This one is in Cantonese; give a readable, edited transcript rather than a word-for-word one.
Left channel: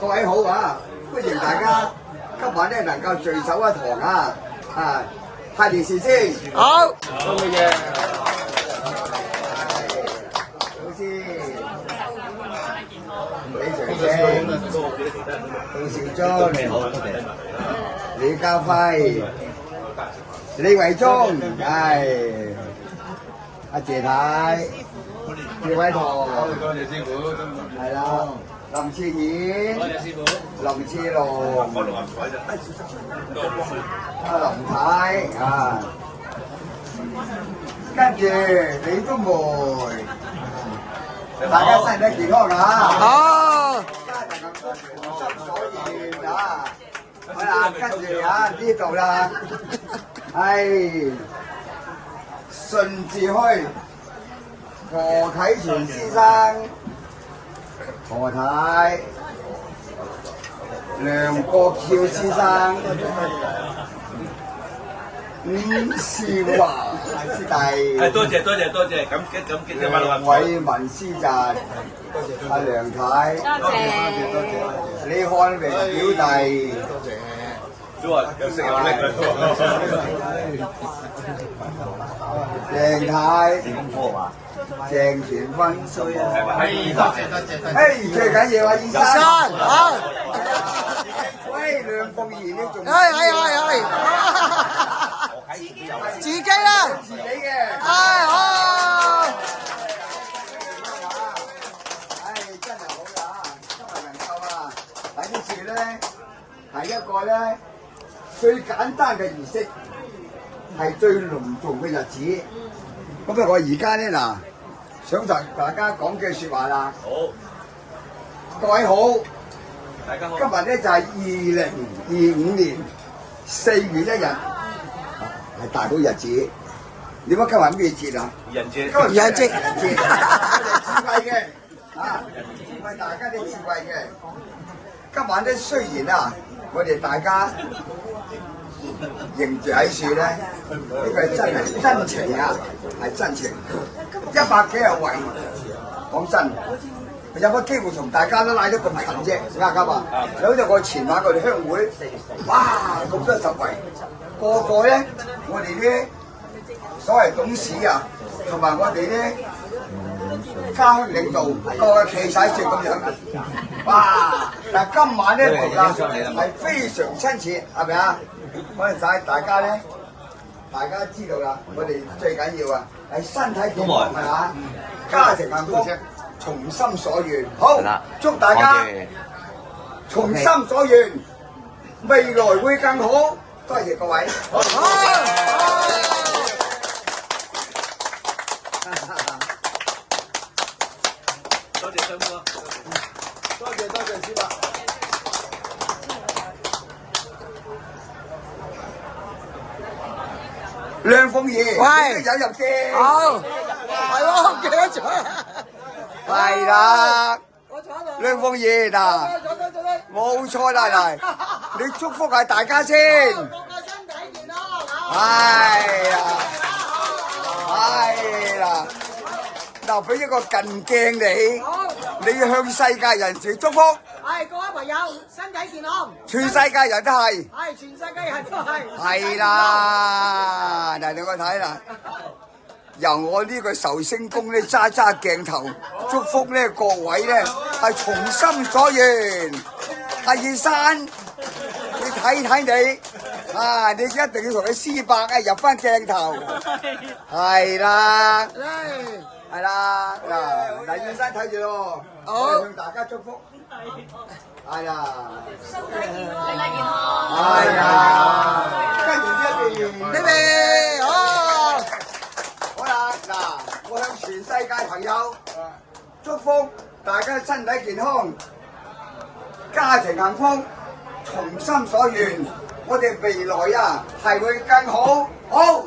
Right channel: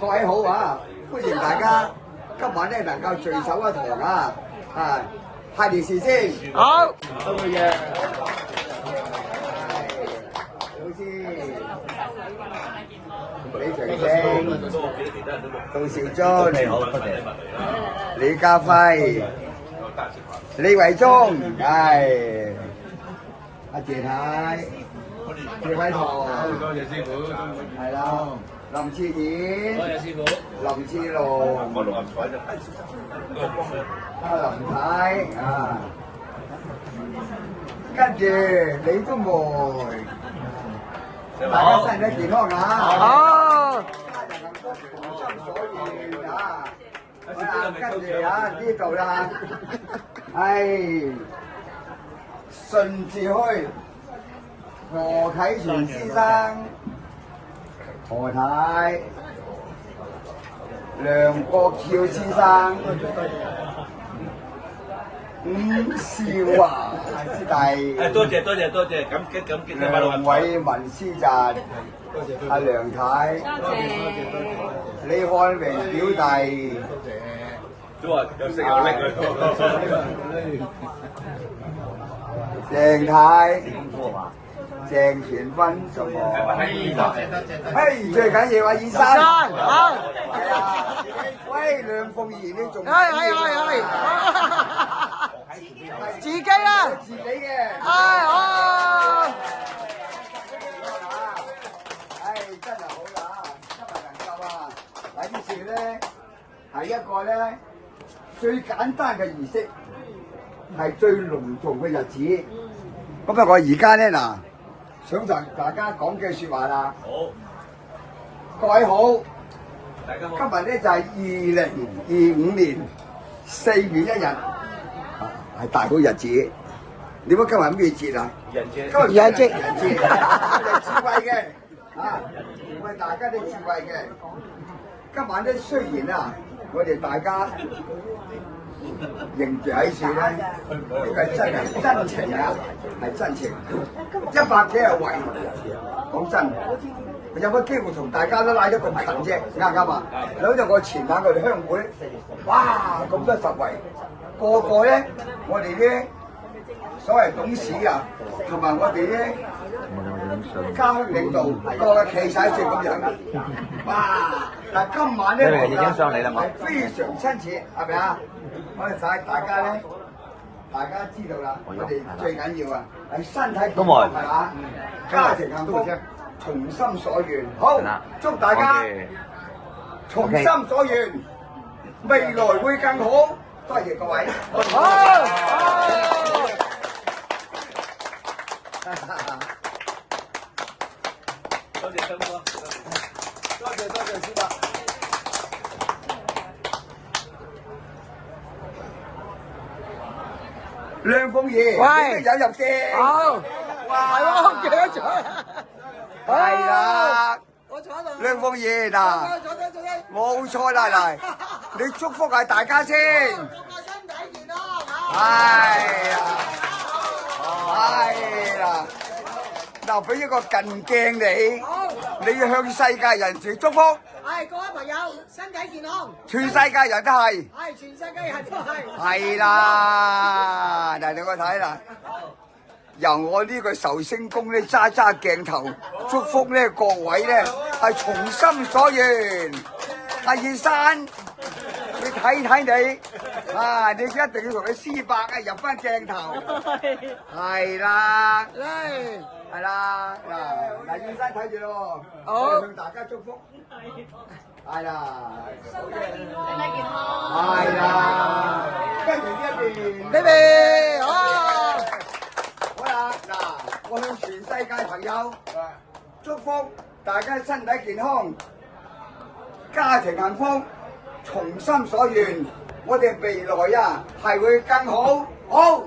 各位好啊！歡迎大家今晚咧能夠聚首一堂啊！啊，派利是先。好，多謝。老師，李長青、杜兆忠，你好，多謝。李家輝、李維忠，阿謝太、謝偉棠，多謝師傅，係啦。林志遠，多謝師傅，林志龍，阿林太啊，跟住李宗梅，大家身體健康啊！好，跟住啊呢度啦，係順治墟何啟全先生。何太、梁國翹先生、伍少華師弟，多謝，感激嘅馬梁偉文師侄，阿梁太，多謝，李漢榮表弟，都話又識又叻鄭太。鄭全芬什麼？嘿，最緊要啊，醫生。好。喂，梁鳳儀你仲？係。自己啦。自己嘅。好。真係好啊！今日能夠啊，喺呢處咧係一個咧最簡單嘅儀式，係最隆重嘅日子。咁啊，我而家咧嗱。想同大家講句説話啦。好，各位好，大家好。今日咧就係2025年4月1日，係大好日子。點解今日咩節啊？人節。今日人節，智慧嘅啊，為大家啲智慧嘅。今晚咧雖然啊，我哋大家認住喺處咧，呢個係真係真情啊！係真情，100幾廿位，講真，有乜機會同大家都拉咗咁近啫？啱唔啱啊？有隻我前晚我哋鄉會，哇咁多10位，個個咧，我哋咧所謂董事啊，同埋我哋咧家鄉領導，個個企晒住咁樣，哇！但係今晚咧係非常親切，係咪啊？可能晒大家咧。大家知道啦，我哋最緊要啊，係身體健康係嘛，家庭幸福，從心所願。好，祝大家從心所願，未來會更好。多謝各位。好。多謝森哥，多謝師伯。梁鳳儀，喂，引入先。好，係喎，記得咗。係啦，梁鳳儀嗱，冇錯啦，嚟，你祝福下大家先。個個身體健康嚇。係啦，嗱，俾一個近鏡你，你要向世界人士祝福。係各位朋友，身體健康。全世界人都係。係全世界人都係。係啦，嗱你我睇啦，由我呢個壽星公咧揸鏡頭，祝福咧各位咧係從心所願。阿葉生，你睇你，啊你一定要同佢私伯啊入翻鏡頭。係啦，係啦，嗱葉生睇住咯，我向大家祝福。係啦，身體健康。係啦，跟住呢邊，好啦，嗱，我向全世界朋友祝福大家身體健康，家庭幸福，從心所願，我哋未來啊係會更好，好。